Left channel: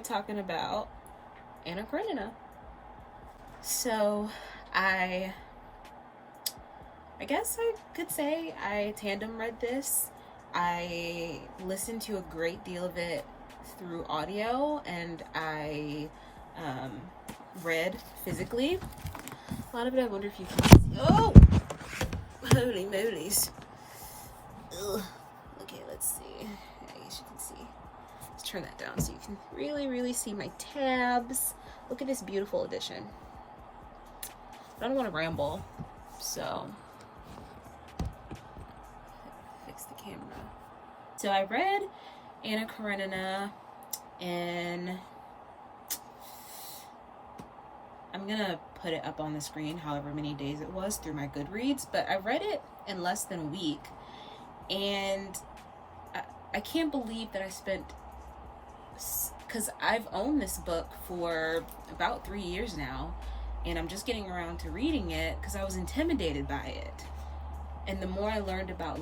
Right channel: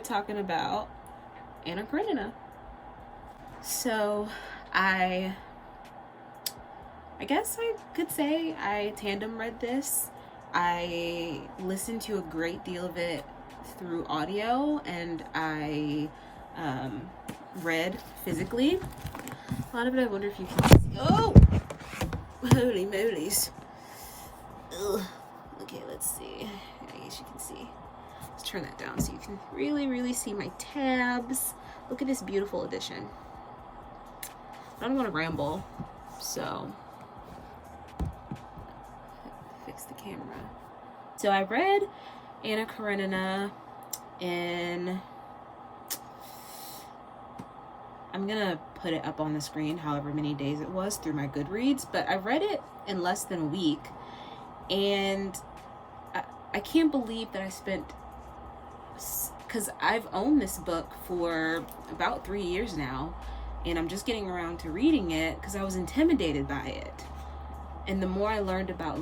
start talking about Anna Karenina. So I guess I could say I tandem read this. I listened to a great deal of it through audio, and I read physically. A lot of it I wonder if you can see. Oh! Holy molies. Ugh. Okay, let's see. I guess you can see. Let's turn that down so you can really see my tabs. Look at this beautiful edition. I don't want to ramble, so fix the camera. So I read Anna Karenina in, I'm gonna put it up on the screen however many days it was through my Goodreads, but I read it in less than a week, and I can't believe that I spent, because I've owned this book for about 3 years now, and I'm just getting around to reading it because I was intimidated by it. And the more I learned about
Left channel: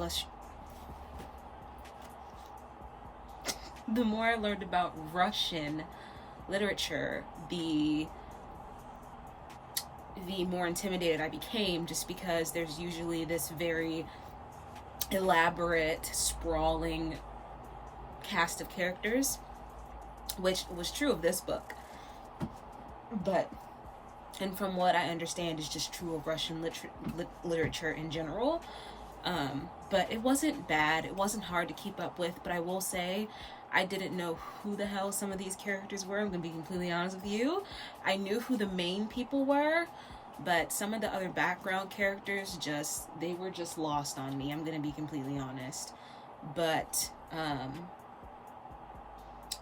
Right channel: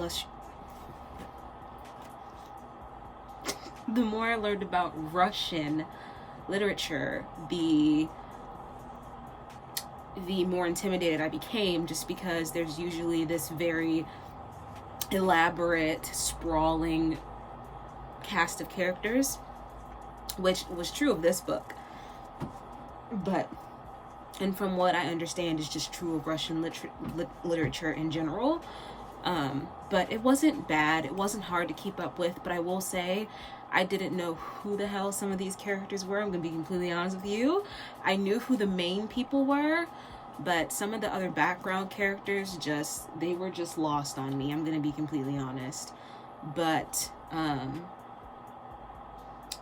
Russian literature, the more intimidated I became, just because there's usually this very elaborate, sprawling cast of characters, which was true of this book, and from what I understand is just true of Russian literature in general. But it wasn't bad. It wasn't hard to keep up with, but I will say I didn't know who the hell some of these characters were. I'm gonna be completely honest with you. I knew who the main people were, but some of the other background characters they were just lost on me. I'm gonna be completely honest. But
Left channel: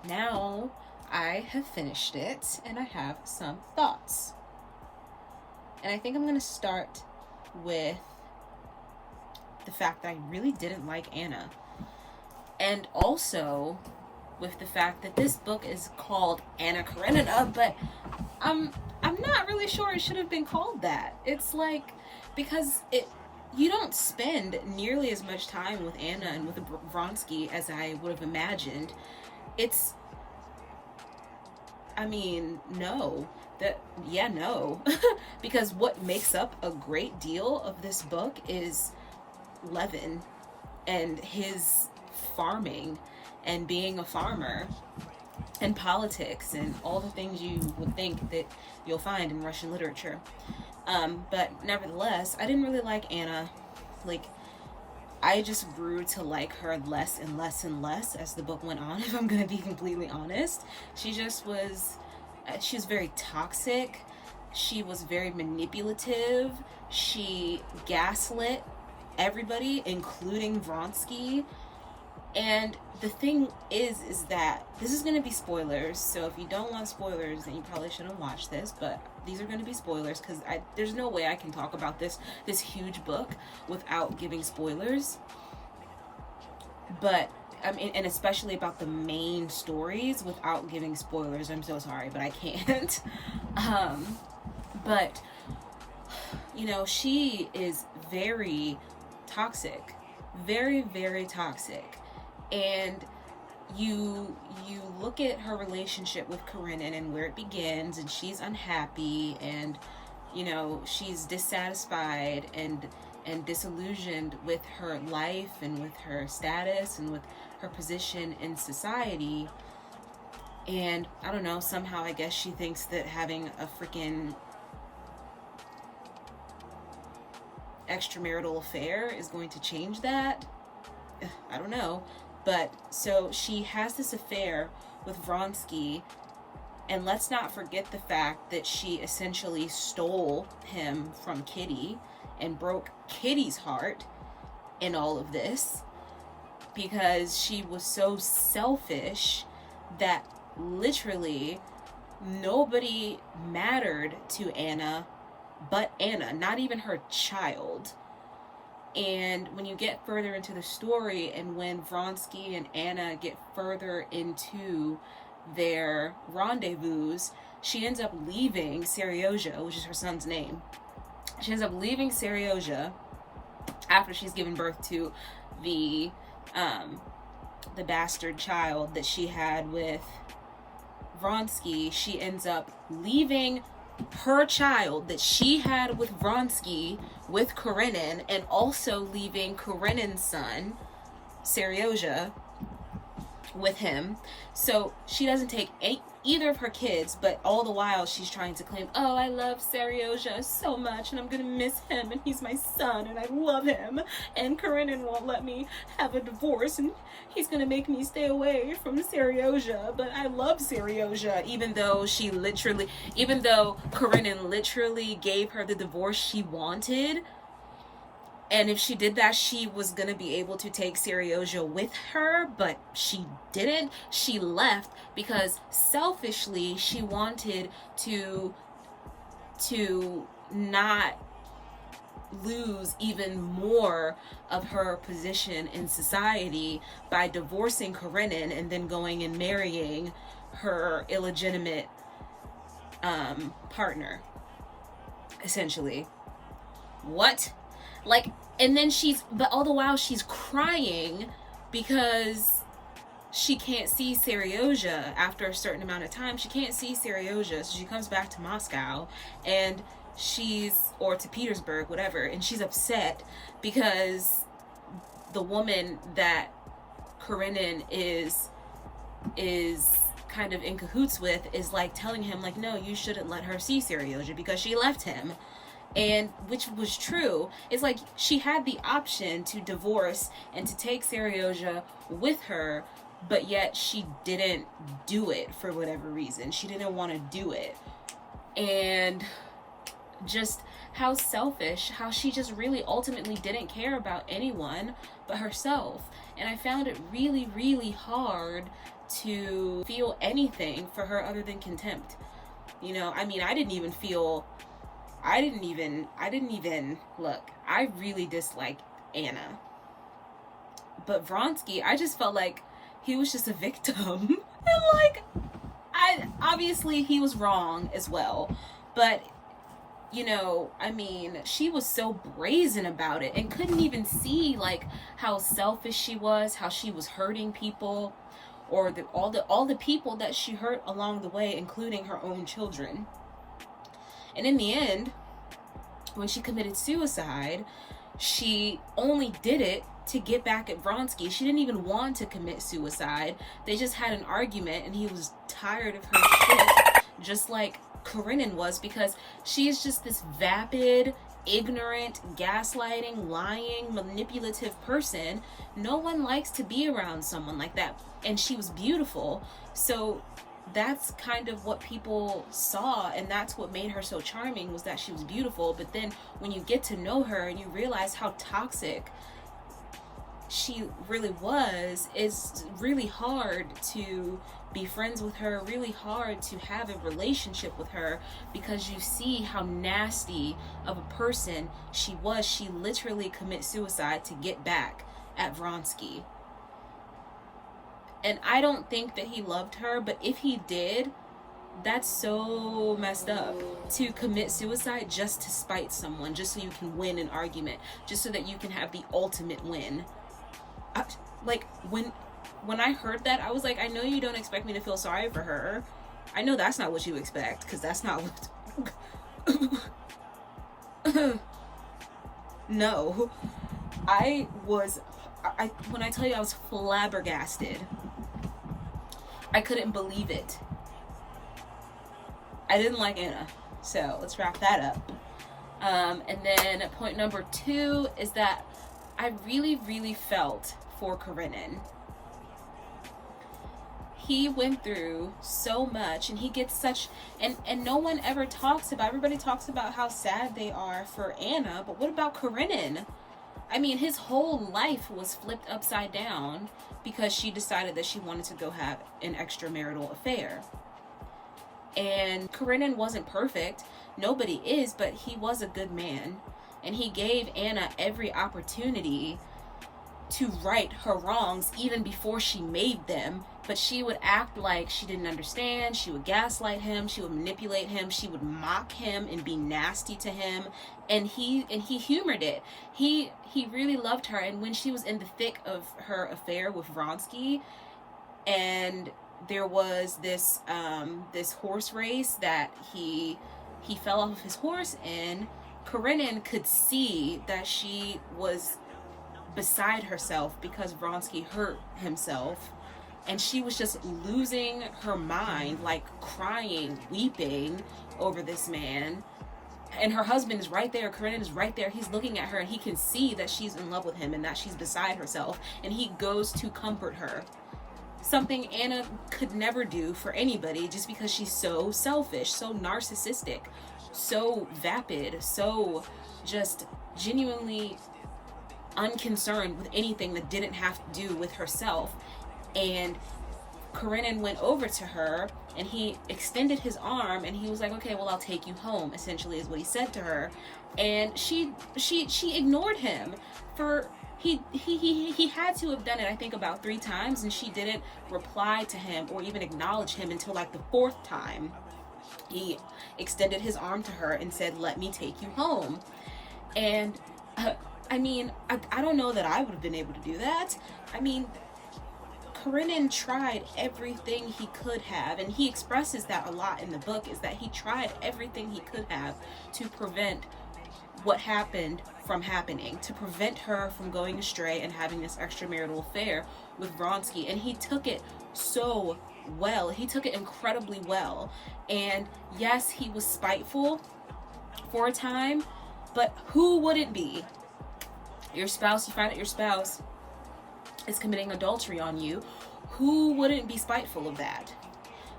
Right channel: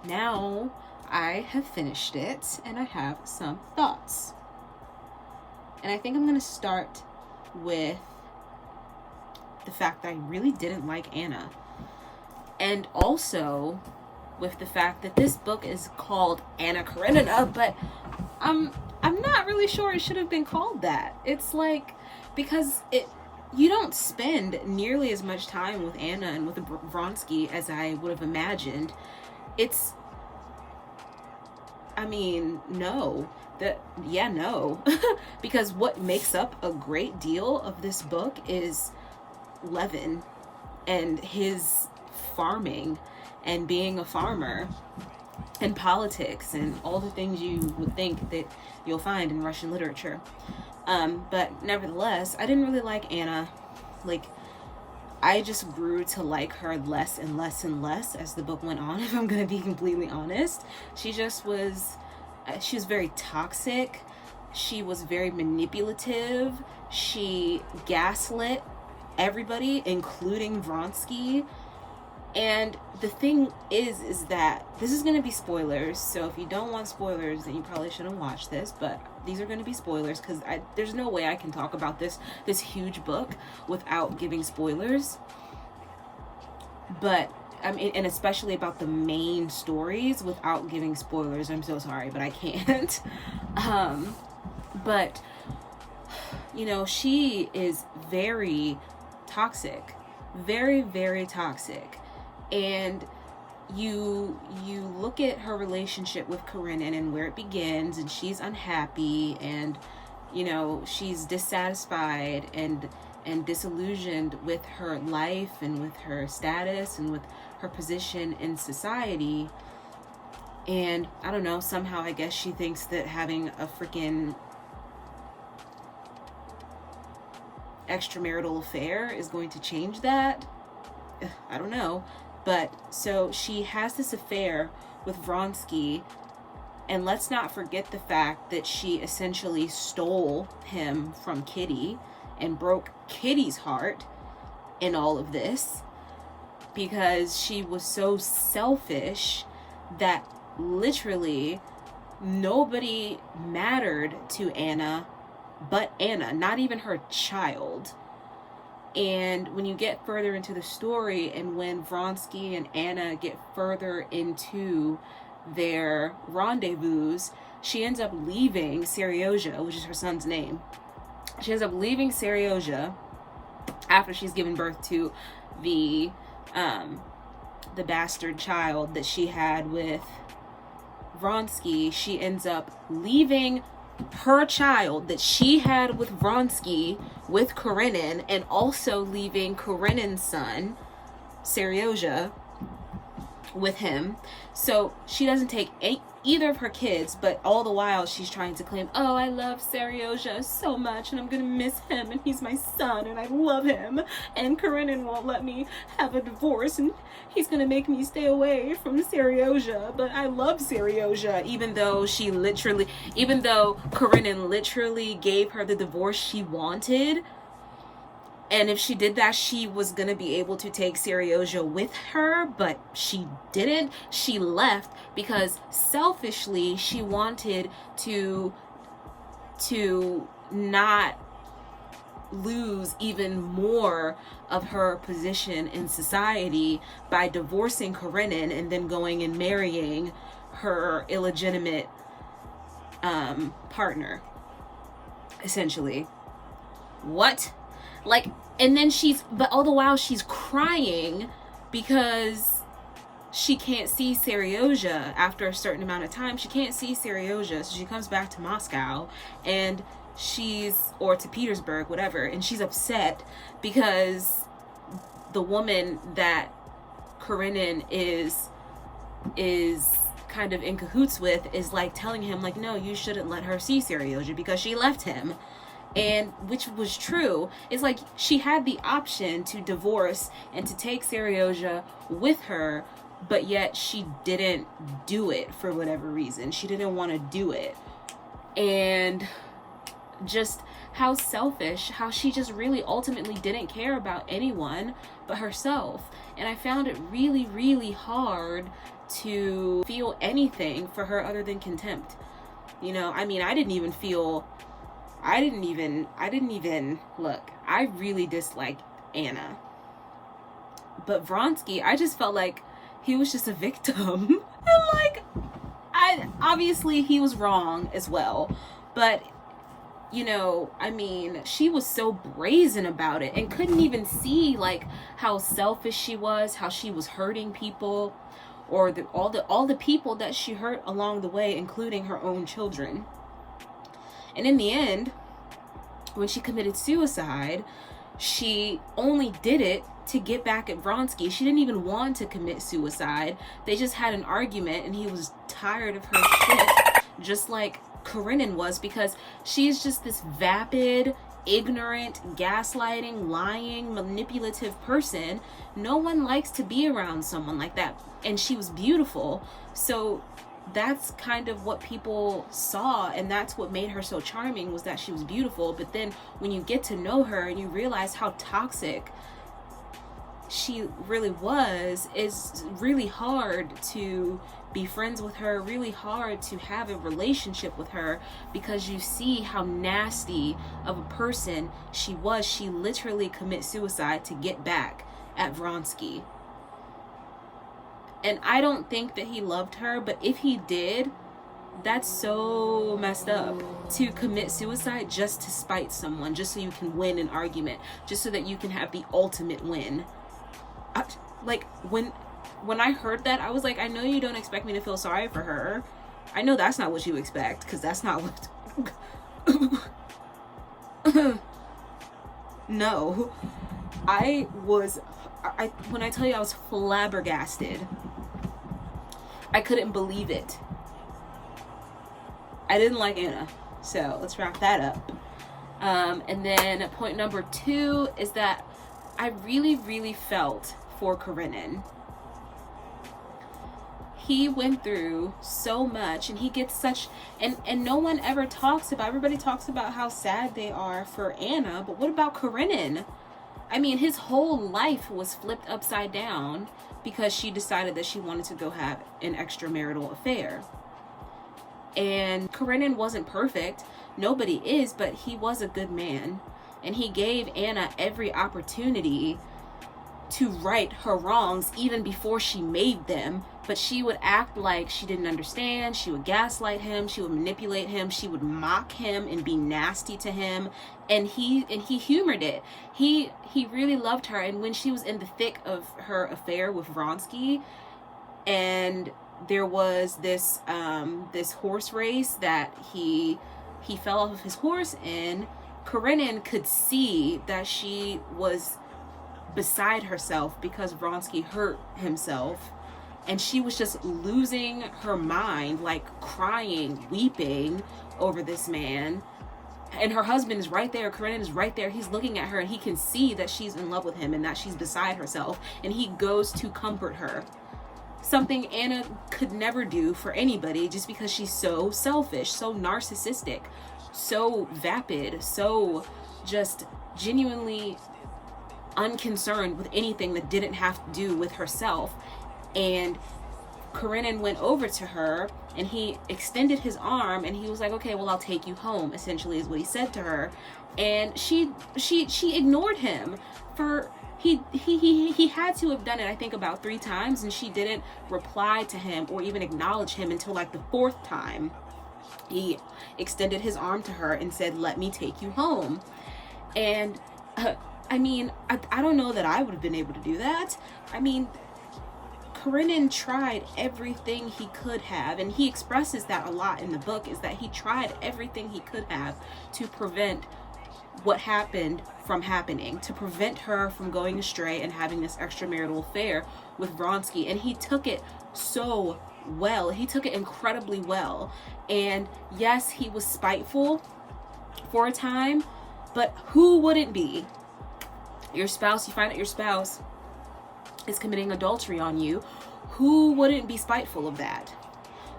now I have finished it and I have some thoughts. And I think I'm gonna start with the fact that I really didn't like Anna, and also with the fact that this book is called Anna Karenina, but I'm not really sure it should have been called that. It's like, because you don't spend nearly as much time with Anna and with Vronsky as I would have imagined. No. Because what makes up a great deal of this book is Levin and his farming and being a farmer and politics and all the things you would think that you'll find in Russian literature. But nevertheless, I didn't really like Anna. Like, I just grew to like her less and less and less as the book went on, if I'm gonna be completely honest. She was very toxic. She was very manipulative. She gaslit everybody, including Vronsky. And the thing is that this is going to be spoilers, so if you don't want spoilers, then you probably shouldn't watch this, but these are going to be spoilers, because there's no way I can talk about this huge book without giving spoilers. But and especially about the main stories without giving spoilers. I'm so sorry, but I can't. But she is very toxic, very, very toxic. And you look at her relationship with Karenin and where it begins, and she's unhappy, and she's dissatisfied and disillusioned with her life and with her status and with her position in society. And I don't know, somehow I guess she thinks that having a freaking extramarital affair is going to change that. I don't know. But so she has this affair with Vronsky, and let's not forget the fact that she essentially stole him from Kitty and broke Kitty's heart in all of this, because she was so selfish that literally nobody mattered to Anna but Anna, not even her child. And when you get further into the story, and when Vronsky and Anna get further into their rendezvous, she ends up leaving Seryozha, which is her son's name. She ends up leaving Seryozha after she's given birth to the bastard child that she had with Vronsky, she ends up leaving her child that she had with Vronsky with Karenin, and also leaving Karenin's son, Seryozha, with him. So she doesn't take either of her kids, but all the while she's trying to claim, oh, I love Seryozha so much and I'm gonna miss him and he's my son and I love him, and Karenin won't let me have a divorce and he's gonna make me stay away from Seryozha, but I love Seryozha, even though Karenin literally gave her the divorce she wanted. And if she did that, she was going to be able to take Seryozha with her, but she didn't. She left because selfishly she wanted to not lose even more of her position in society by divorcing Karenin and then going and marrying her illegitimate partner, essentially. What? Like, and then but all the while she's crying because she can't see Seryozha after a certain amount of time. She can't see Seryozha, so she comes back to Moscow and or to Petersburg, whatever, and she's upset because the woman that Karenin is kind of in cahoots with is like telling him like, no, you shouldn't let her see Seryozha because she left him. And which was true. It's like she had the option to divorce and to take Seryozha with her, but yet she didn't do it for whatever reason. She didn't want to do it. And just how selfish, how she just really ultimately didn't care about anyone but herself. And I found it really, really hard to feel anything for her other than contempt. You know, I mean, I didn't even look, I really disliked Anna. But Vronsky, I just felt like he was just a victim. And like, obviously he was wrong as well. But, you know, I mean, she was so brazen about it and couldn't even see like how selfish she was, how she was hurting people, or all the people that she hurt along the way, including her own children. And in the end, when she committed suicide, she only did it to get back at Vronsky. She didn't even want to commit suicide. They just had an argument and he was tired of her shit, just like Karenin was, because she's just this vapid, ignorant, gaslighting, lying, manipulative person. No one likes to be around someone like that. And she was beautiful. So that's kind of what people saw, and that's what made her so charming, was that she was beautiful. But then when you get to know her and you realize how toxic she really was, it's really hard to be friends with her, really hard to have a relationship with her, because you see how nasty of a person she was. She literally commits suicide to get back at Vronsky. And I don't think that he loved her, but if he did, that's so messed up, to commit suicide just to spite someone, just so you can win an argument, just so that you can have the ultimate win. Like, when I heard that, I was like, I know you don't expect me to feel sorry for her. I know that's not what you expect, because that's not what... No. When I tell you I was flabbergasted, I couldn't believe it. I didn't like Anna. So let's wrap that up. And then point number 2 is that I really, really felt for Karenin. He went through so much, and he gets such, and no one ever talks about, everybody talks about how sad they are for Anna, but what about Karenin? I mean, his whole life was flipped upside down because she decided that she wanted to go have an extramarital affair. And Karenin wasn't perfect. Nobody is, but he was a good man. And he gave Anna every opportunity to right her wrongs even before she made them. But she would act like she didn't understand. She would gaslight him. She would manipulate him. She would mock him and be nasty to him. And he humored it. He really loved her. And when she was in the thick of her affair with Vronsky, and there was this this horse race that he fell off of his horse in. Karenin could see that she was beside herself because Vronsky hurt himself, and she was just losing her mind, like crying, weeping over this man. And her husband is right there. Karenin is right there. He's looking at her, and he can see that she's in love with him and that she's beside herself. And he goes to comfort her. Something Anna could never do for anybody, just because she's so selfish, so narcissistic, so vapid, so just genuinely unconcerned with anything that didn't have to do with herself. And Karenin went over to her, and he extended his arm, and he was like, okay, well, I'll take you home, essentially is what he said to her. And she ignored him for, he had to have done it, I think, about 3 times, and she didn't reply to him or even acknowledge him until like the 4th time. He extended his arm to her and said, let me take you home. And I mean, I don't know that I would have been able to do that. I mean, Karenin tried everything he could have, and he expresses that a lot in the book, is that he tried everything he could have to prevent what happened from happening, to prevent her from going astray and having this extramarital affair with Vronsky. And he took it so well. He took it incredibly well. And yes, he was spiteful for a time, but who wouldn't be? Your spouse, you find out your spouse is committing adultery on you. Who wouldn't be spiteful of that?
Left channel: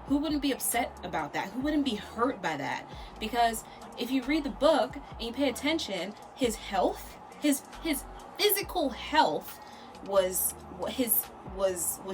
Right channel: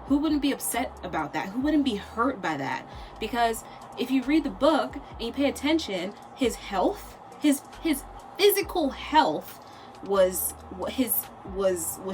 Who wouldn't be upset about that? Who wouldn't be hurt by that? Because if you read the book and you pay attention, his health, his physical health was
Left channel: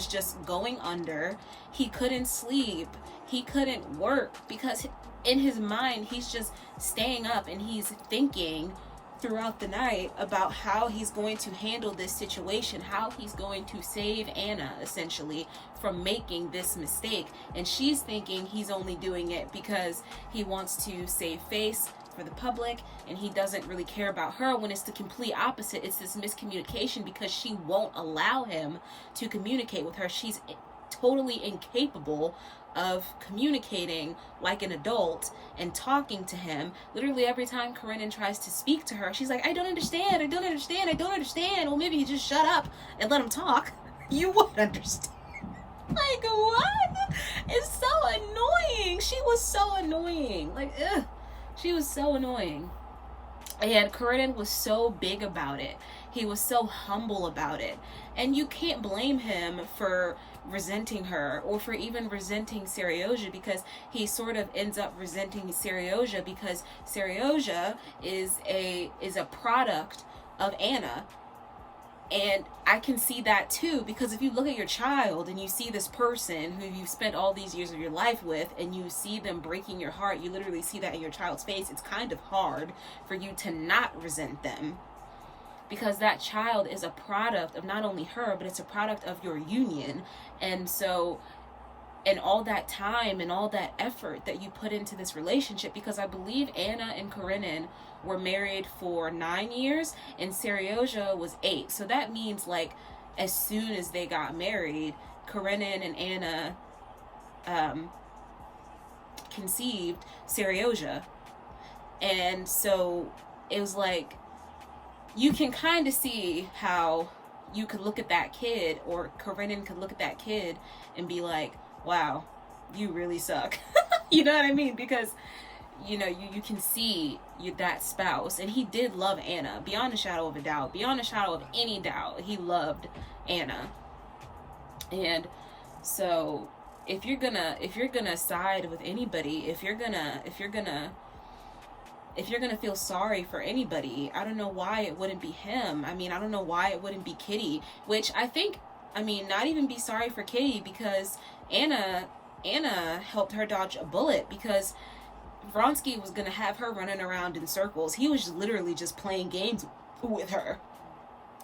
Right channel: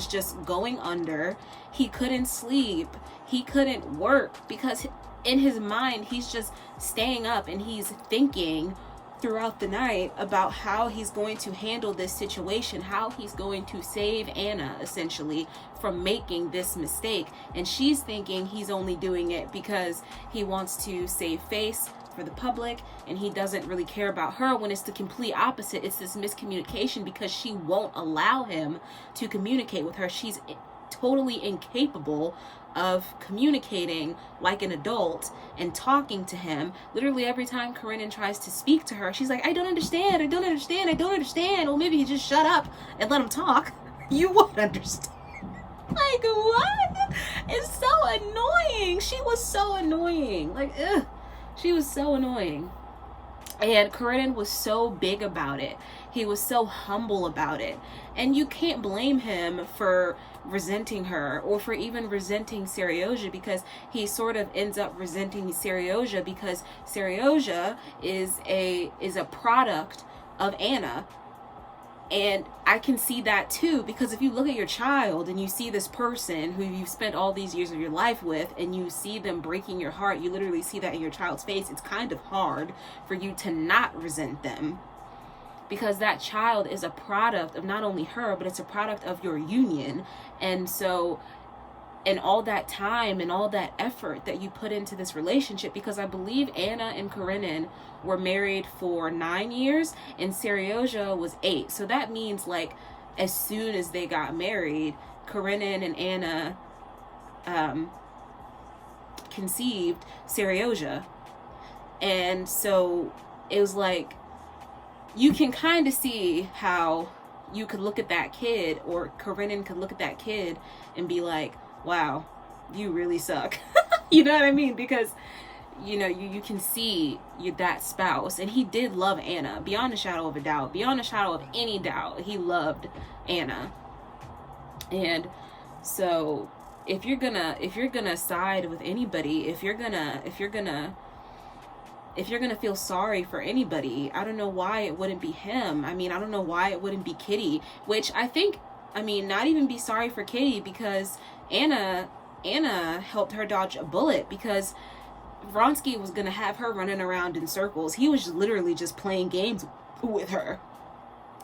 just going under. He couldn't sleep. He couldn't work because in his mind, he's just staying up and he's thinking throughout the night about how he's going to handle this situation, how he's going to save Anna, essentially, from making this mistake. And she's thinking he's only doing it because he wants to save face for the public, and he doesn't really care about her, when it's the complete opposite. It's this miscommunication because she won't allow him to communicate with her. She's totally incapable of communicating like an adult and talking to him. Literally every time Karenin tries to speak to her, she's like, I don't understand, I don't understand, I don't understand. Well, maybe you just shut up and let him talk. You would understand. Like, what? It's so annoying. She was so annoying. Like, ugh. She was so annoying. And Karenin was so big about it. He was so humble about it. And you can't blame him for resenting her or for even resenting Seryozha, because he sort of ends up resenting Seryozha because Seryozha is a product of Anna. And I can see that too, because if you look at your child and you see this person who you've spent all these years of your life with, and you see them breaking your heart, you literally see that in your child's face, it's kind of hard for you to not resent them, because that child is a product of not only her, but it's a product of your union. And so, and all that time and all that effort that you put into this relationship, because I believe Anna and Karenin were married for 9 years and Seryozha was 8. So that means, like, as soon as they got married, Karenin and Anna conceived Seryozha. And so it was like, you can kind of see how you could look at that kid, or Karenin could look at that kid and be like, wow, you really suck. You know what I mean? Because, you know, you can see that spouse, and he did love Anna beyond a shadow of a doubt, beyond a shadow of any doubt. He loved Anna. And so if you're gonna side with anybody, if you're gonna feel sorry for anybody, I don't know why it wouldn't be him. I mean, I don't know why it wouldn't be Kitty, which I think, I mean, not even be sorry for Kitty, because Anna helped her dodge a bullet, because Vronsky was going to have her running around in circles. He was literally just playing games with her.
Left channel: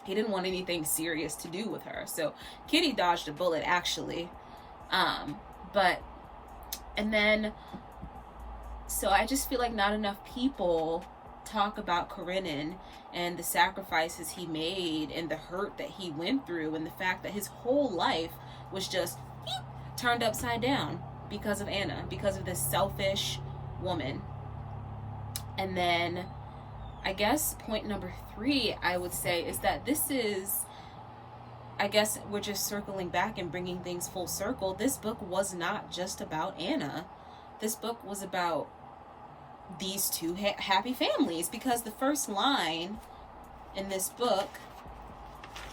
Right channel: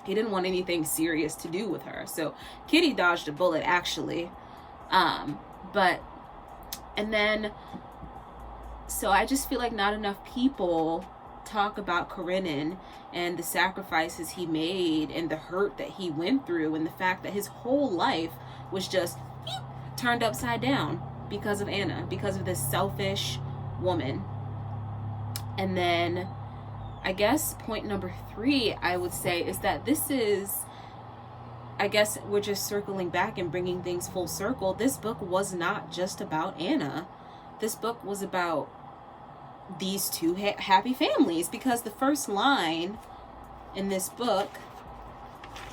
He didn't want anything serious to do with her. So Kitty dodged a bullet, actually. So I just feel like not enough people talk about Karenin and the sacrifices he made and the hurt that he went through, and the fact that his whole life was just turned upside down because of Anna, because of this selfish woman. And then I guess point number 3, I would say, is that this is, I guess we're just circling back and bringing things full circle. This book was not just about Anna. This book was about these two happy families, because the first line in this book,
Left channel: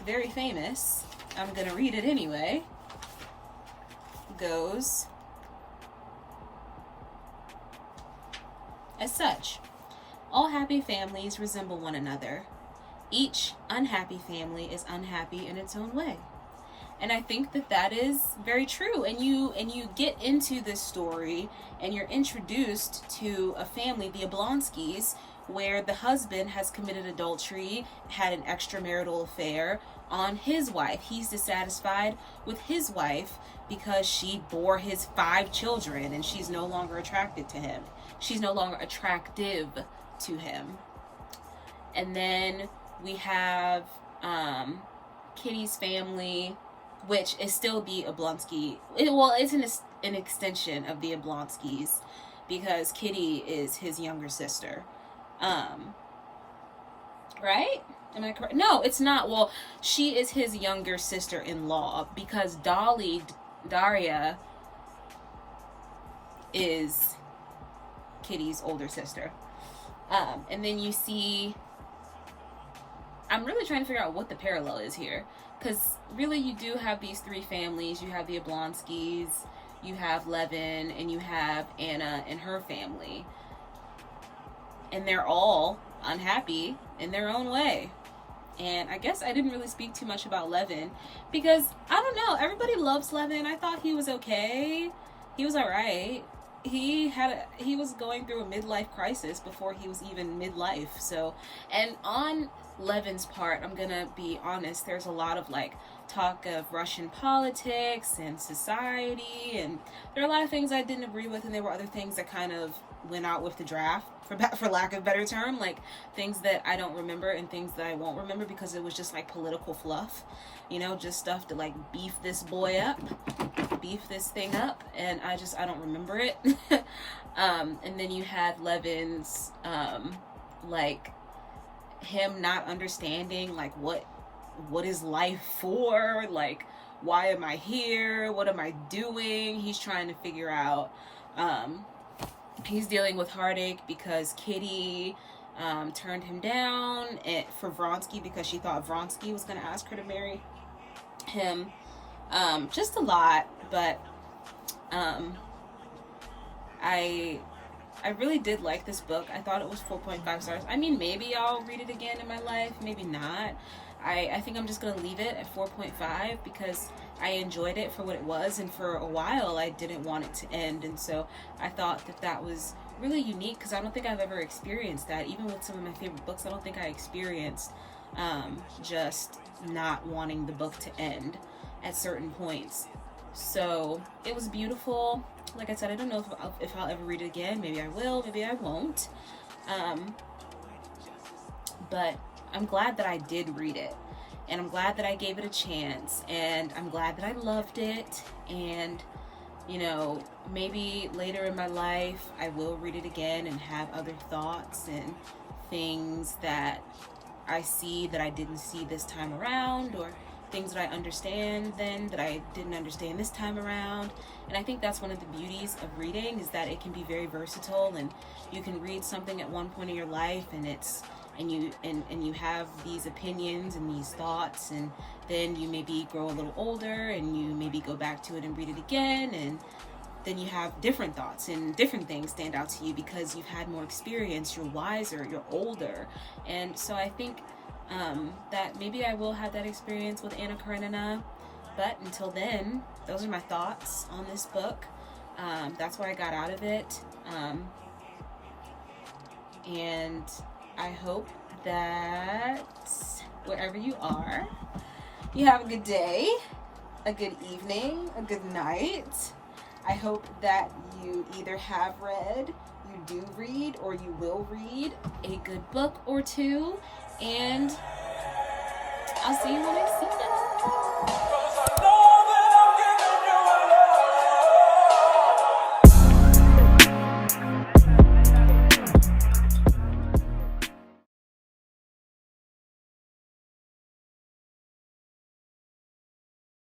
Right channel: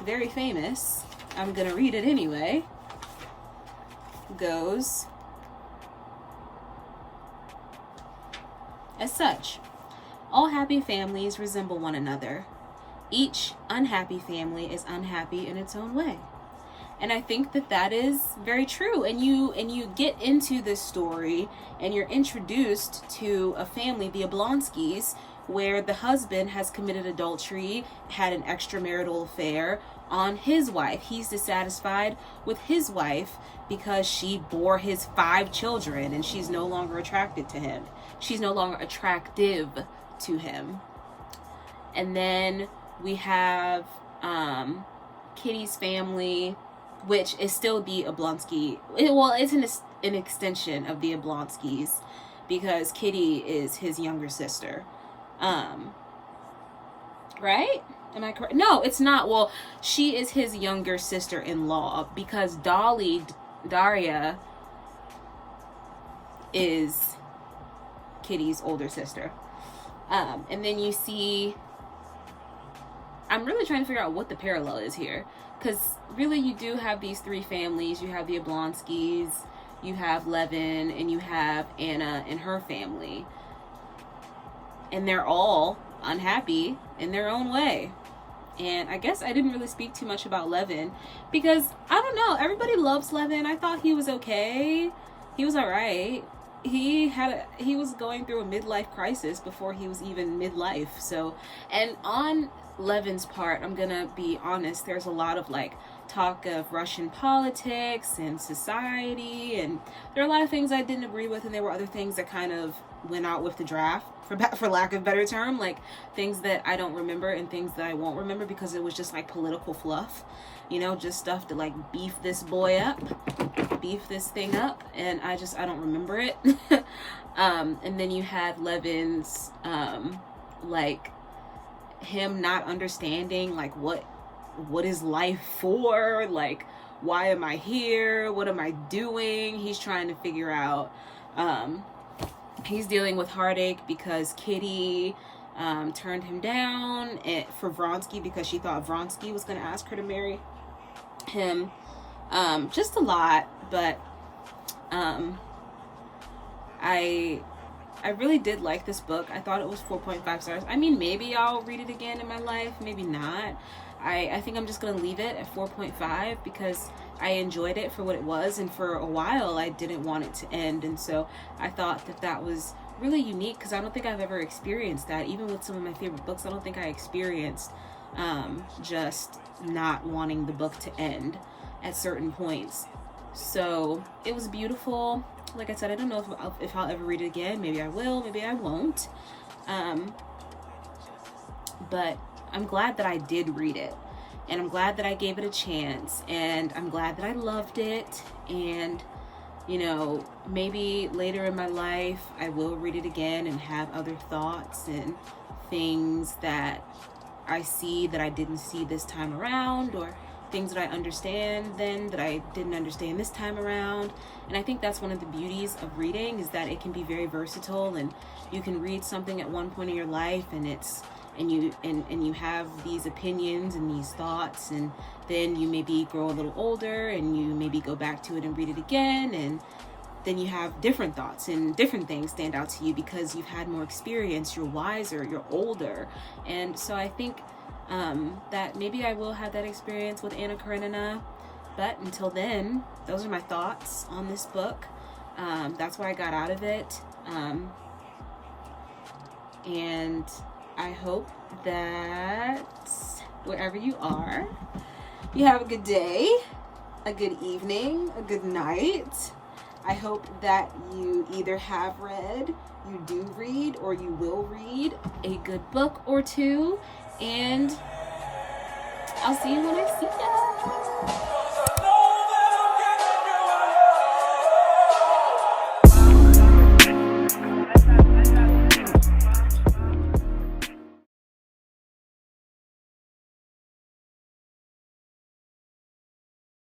very famous, I'm going to read it anyway, goes as such: all happy families resemble one another. Each unhappy family is unhappy in its own way. And I think that that is very true. And you get into this story and you're introduced to a family, the Oblonskys, where the husband has committed adultery, had an extramarital affair on his wife. He's dissatisfied with his wife because she bore his 5 children and she's no longer attracted to him. She's no longer attractive to him. And then we have Kitty's family, which is still the Oblonsky. Well, it's an extension of the Oblonskys, because Kitty is his younger sister. Right? Am I correct? No, it's not. Well, she is his younger sister-in-law, because Daria is Kitty's older sister. And then you see, I'm really trying to figure out what the parallel is here, because really you do have these 3 families. You have the Oblonskys, you have Levin, and you have Anna and her family. And they're all unhappy in their own way. And I guess I didn't really speak too much about Levin, because I don't know, everybody loves Levin. I thought he was okay. He was all right. He was going through a midlife crisis before he was even midlife. So, and on Levin's part, I'm gonna be honest, there's a lot of like talk of Russian politics and society, and there are a lot of things I didn't agree with, and there were other things that kind of went out with the draft, for lack of a better term, like things that I don't remember and things that I won't remember, because it was just like political fluff, you know, just stuff to like beef this boy up, beef this thing up, and I don't remember it. And then you had Levin's like him not understanding like what is life for, like why am I here, what am I doing. He's trying to figure out, he's dealing with heartache because Kitty turned him down for Vronsky, because she thought Vronsky was going to ask her to marry him. Just a lot, but I really did like this book. I thought it was 4.5 stars. I mean, maybe I'll read it again in my life, maybe not. I think I'm just gonna leave it at 4.5 because I enjoyed it for what it was, and for a while I didn't want it to end, and so I thought that that was really unique, because I don't think I've ever experienced that. Even with some of my favorite books, I don't think I experienced just not wanting the book to end at certain points. So it was beautiful. Like I said, I don't know if I'll ever read it again. Maybe I will, maybe I won't. But I'm glad that I did read it, and I'm glad that I gave it a chance, and I'm glad that I loved it. And you know, maybe later in my life I will read it again and have other thoughts and things that I see that I didn't see this time around, or things that I understand then that I didn't understand this time around. And I think that's one of the beauties of reading, is that it can be very versatile, and you can read something at one point in your life and you have these opinions and these thoughts, and then you maybe grow a little older and you maybe go back to it and read it again, and then you have different thoughts and different things stand out to you because you've had more experience, you're wiser, you're older. And so I think that maybe I will have that experience with Anna Karenina, but until then, those are my thoughts on this book. That's what I got out of it, and I hope that wherever you are, you have a good day, a good evening, a good night. I hope that you either have read, you do read, or you will read a good book or two. And I'll see you when I see you.